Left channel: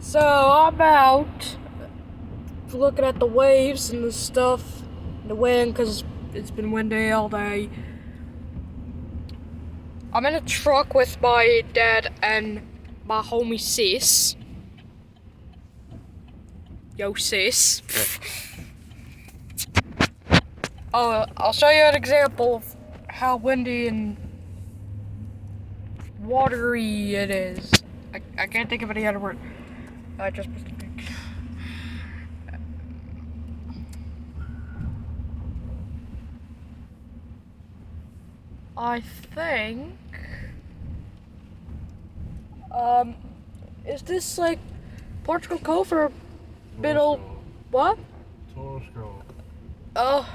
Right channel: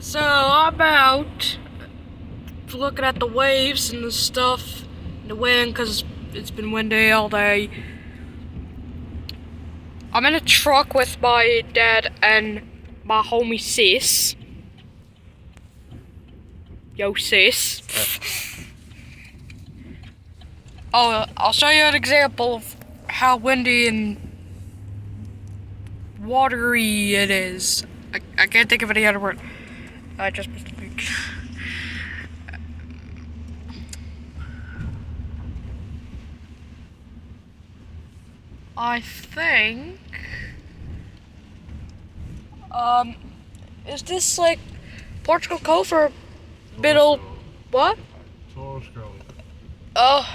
So I'm out looking at the waves and the stuff, the wind, because it's been windy all day. I'm in a truck with my dad and my homie sis. Yo sis. Oh, I'll show you an example of how windy and watery it is. I can't think of any other word. I just missed a picture. I think, is this like Portugal Cove or middle, what? Torsko. Oh.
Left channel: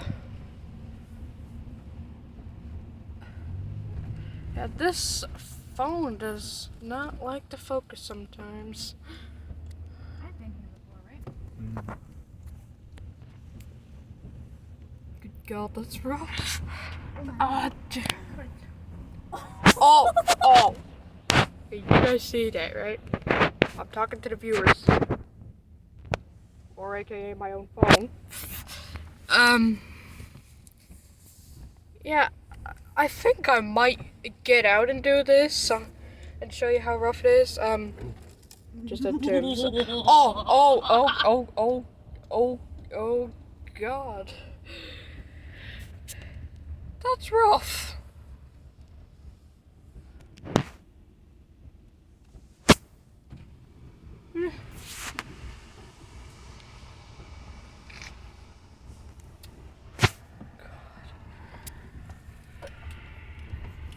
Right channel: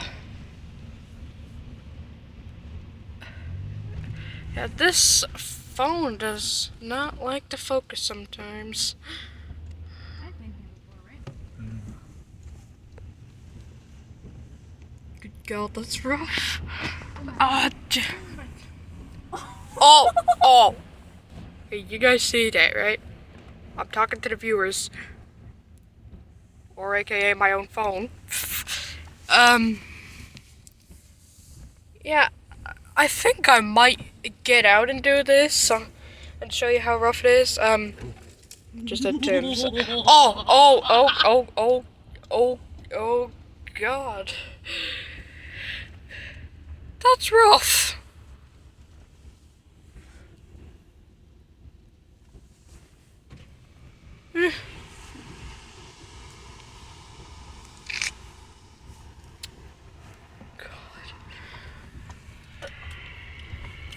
Yeah, this phone does not like to focus sometimes. I've been here before, right? Good God, that's rough. Oh. Hey, you guys see that, right? I'm talking to the viewers. Or AKA my own phone. Yeah, I think I might get out and do this and show you how rough it is. Just a Tim's. Oh, God. That's rough.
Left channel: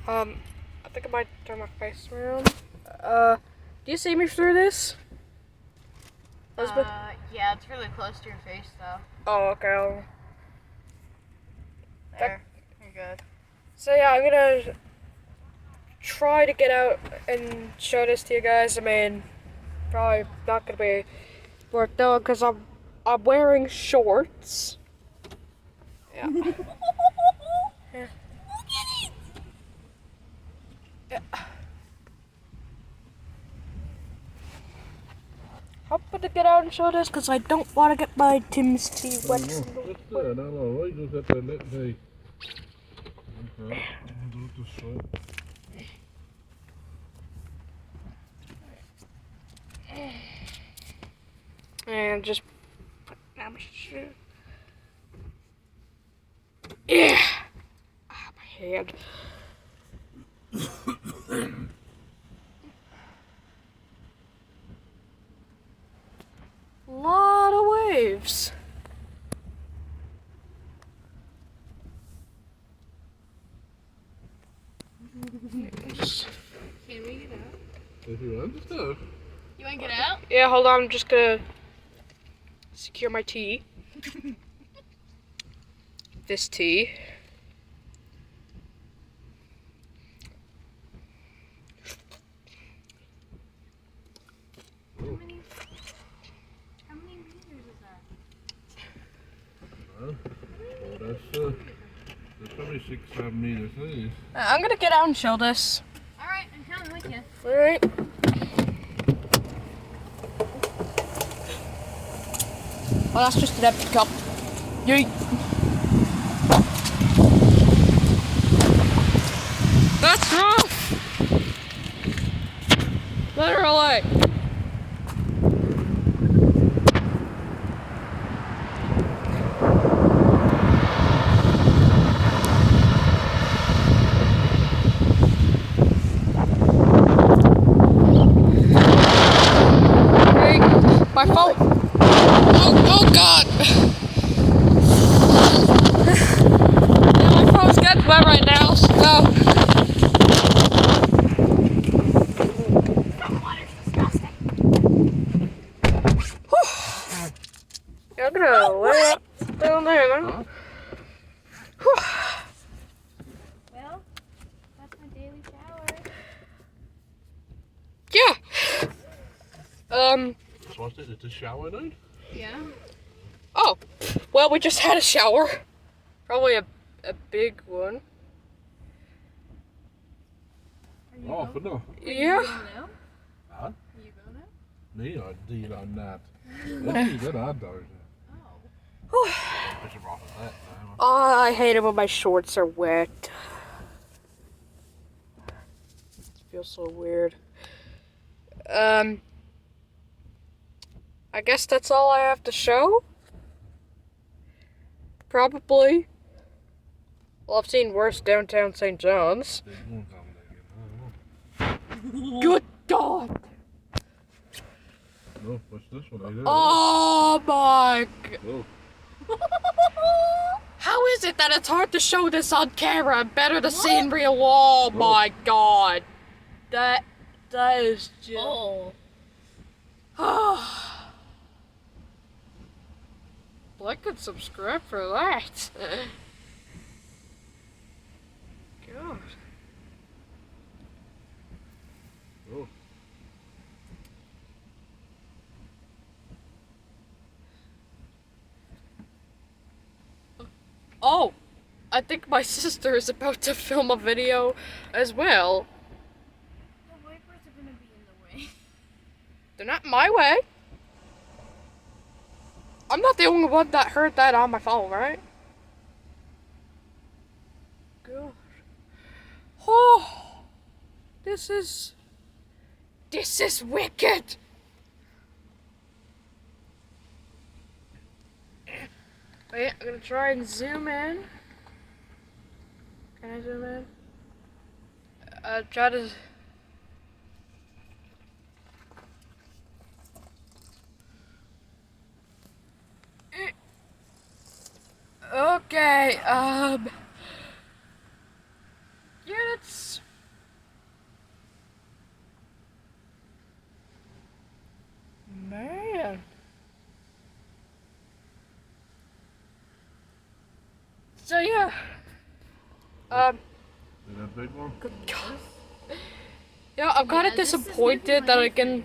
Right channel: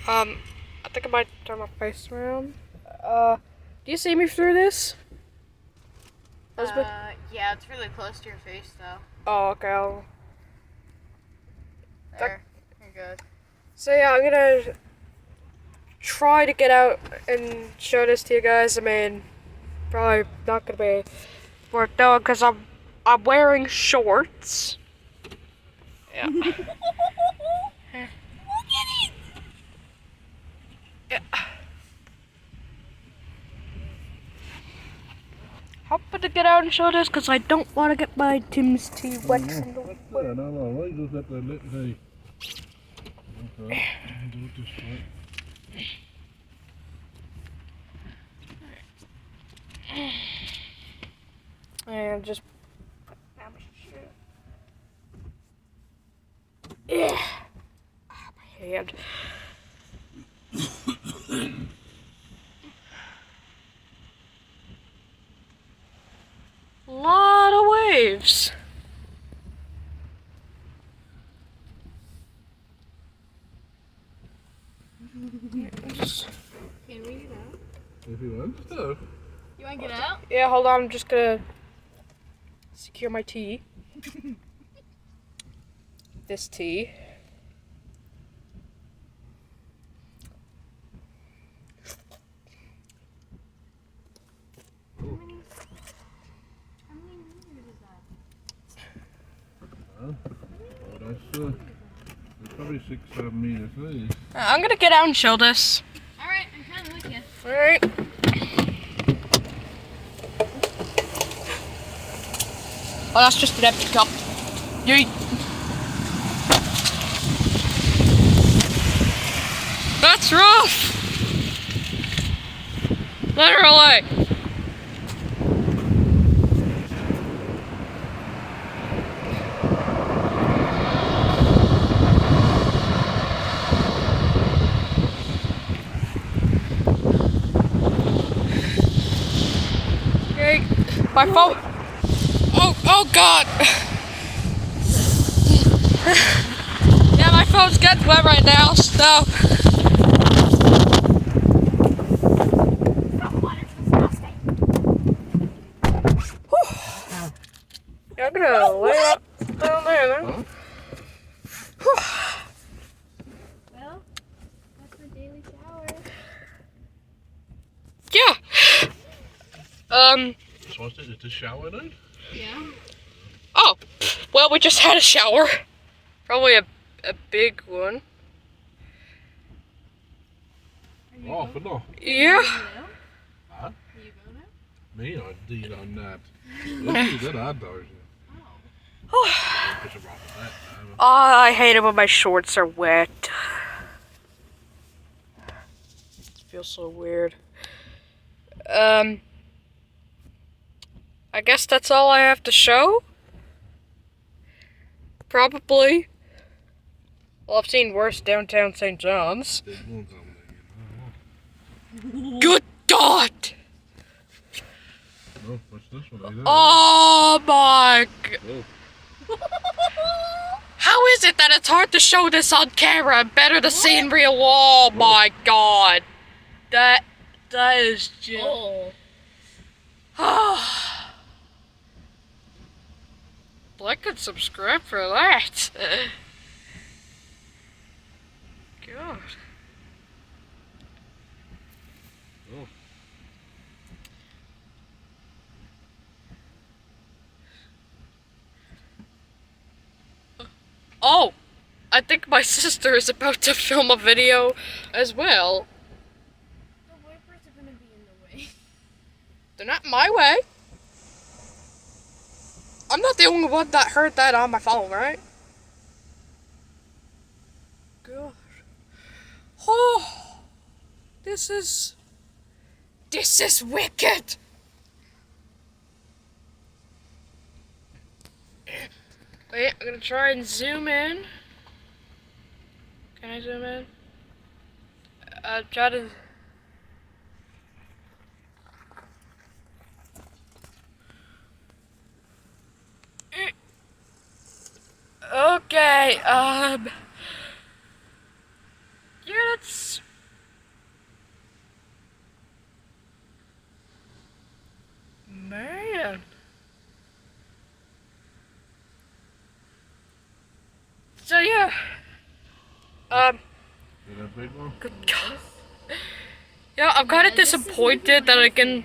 I think I might turn my face around. Do you see me through this? Elizabeth? Yeah, it's really close to your face, though. Oh, okay. There, you're good. So yeah, I'm gonna try to get out and show this to you guys. I mean, probably not gonna be worked out because I'm wearing shorts. Yeah. Yeah. Hoping to get out and show this because I don't want to get my Tim's tea wet from the Yeah, no, right, look at the lip see. Okay, do this right. And just put down my shoe. Yeah. Ah, my hand. Lot of waves. Can we get out? If you want stuff. You want to get out? Yeah, hold on. I'm just gonna secure my tea. This tea. How many meters is that? Oh, that's probably 6-7 meters, isn't it? I'm gonna get out and show this. Alright, I'm coming with you. Alright. Oh, that's just an empty cup. Yeet. That's rough. Literally. Okay, my phone. Oh God. Yeah, my phone's getting wet right now, so. Yeah, I'm gonna lay up down there then. Well, that's my daily shower. Yeah. So what's it? It's a shower then? Yeah? Oh, well, we just had a shower. Probably a big one. Oh, for no. Yeah. Huh? Are you going Me, I did on that. That's that I does. Oh. Push it off of that. Oh, I hate it when my shorts are wet. It feels so weird. I guess that's all I have to show? Probably. Well, I've seen worse downtown St. John's. There's ones on there. Good God! No, what's this one? Either? Oh my God. Oh. How is it that it's hard to show this on camera and better to see in real? Oh my God. That is just... Oh. Like and subscribe for that. God. Oh. Oh, I think my sister is about to film a video as well. The wipers are gonna be in the way. They're not in my way. I'm not the only one that heard that on my phone, right? God. Oh, this is wicked. Wait, I'm gonna try and zoom in. Can I zoom in? Try to. Okay, yeah, that's... Man. So, yeah. See that big one? Good God. Yeah, I'm kind of disappointed that I can...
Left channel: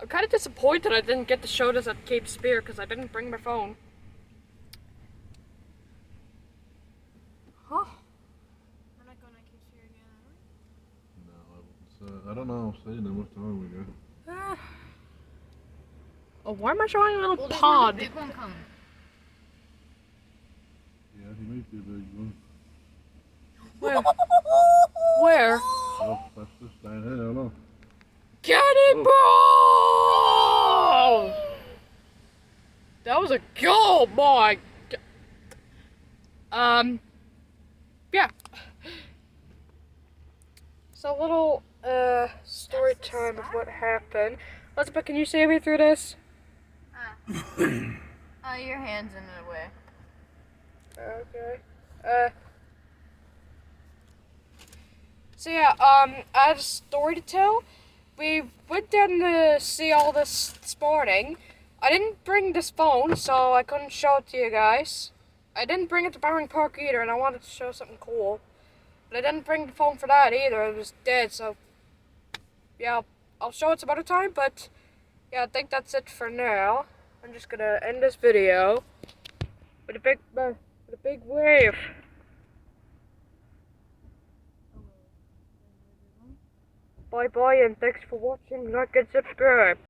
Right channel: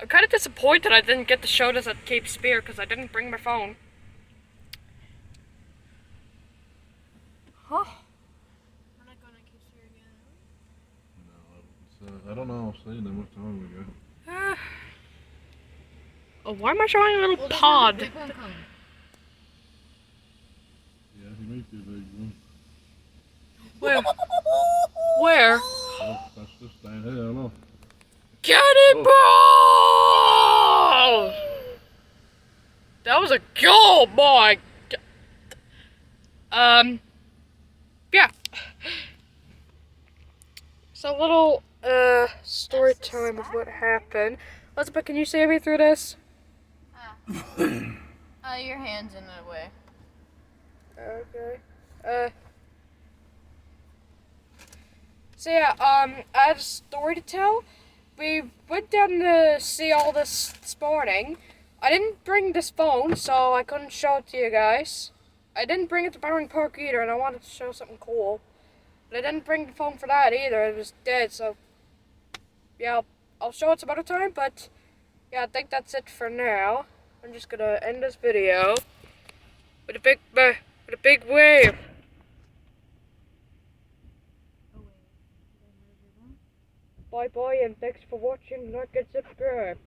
I'm kind of disappointed I didn't get to show this at Cape Spear because I didn't bring my phone. Huh? We're not going to keep here again, No, I don't know. I've seen them. What's wrong with you? Oh, why am I showing a little are we? pod? Big one coming. Yeah, he might be a big one. Where? Where? Oh, that's just down here. I don't know. Cannonball! That was a goal, boy. Yeah. So a little story time of what happened. Elizabeth, can you see me through this? Your hand's in the way. Okay. So yeah, I had a story to tell. We went down to see all this morning. I didn't bring this phone, so I couldn't show it to you guys. I didn't bring it to Bowring Park either, and I wanted to show something cool. But I didn't bring the phone for that either. It was dead, so yeah, I'll show it some other time. But yeah, I think that's it for now. I'm just gonna end this video with a big wave. Bye bye, and thanks for watching. Like and subscribe.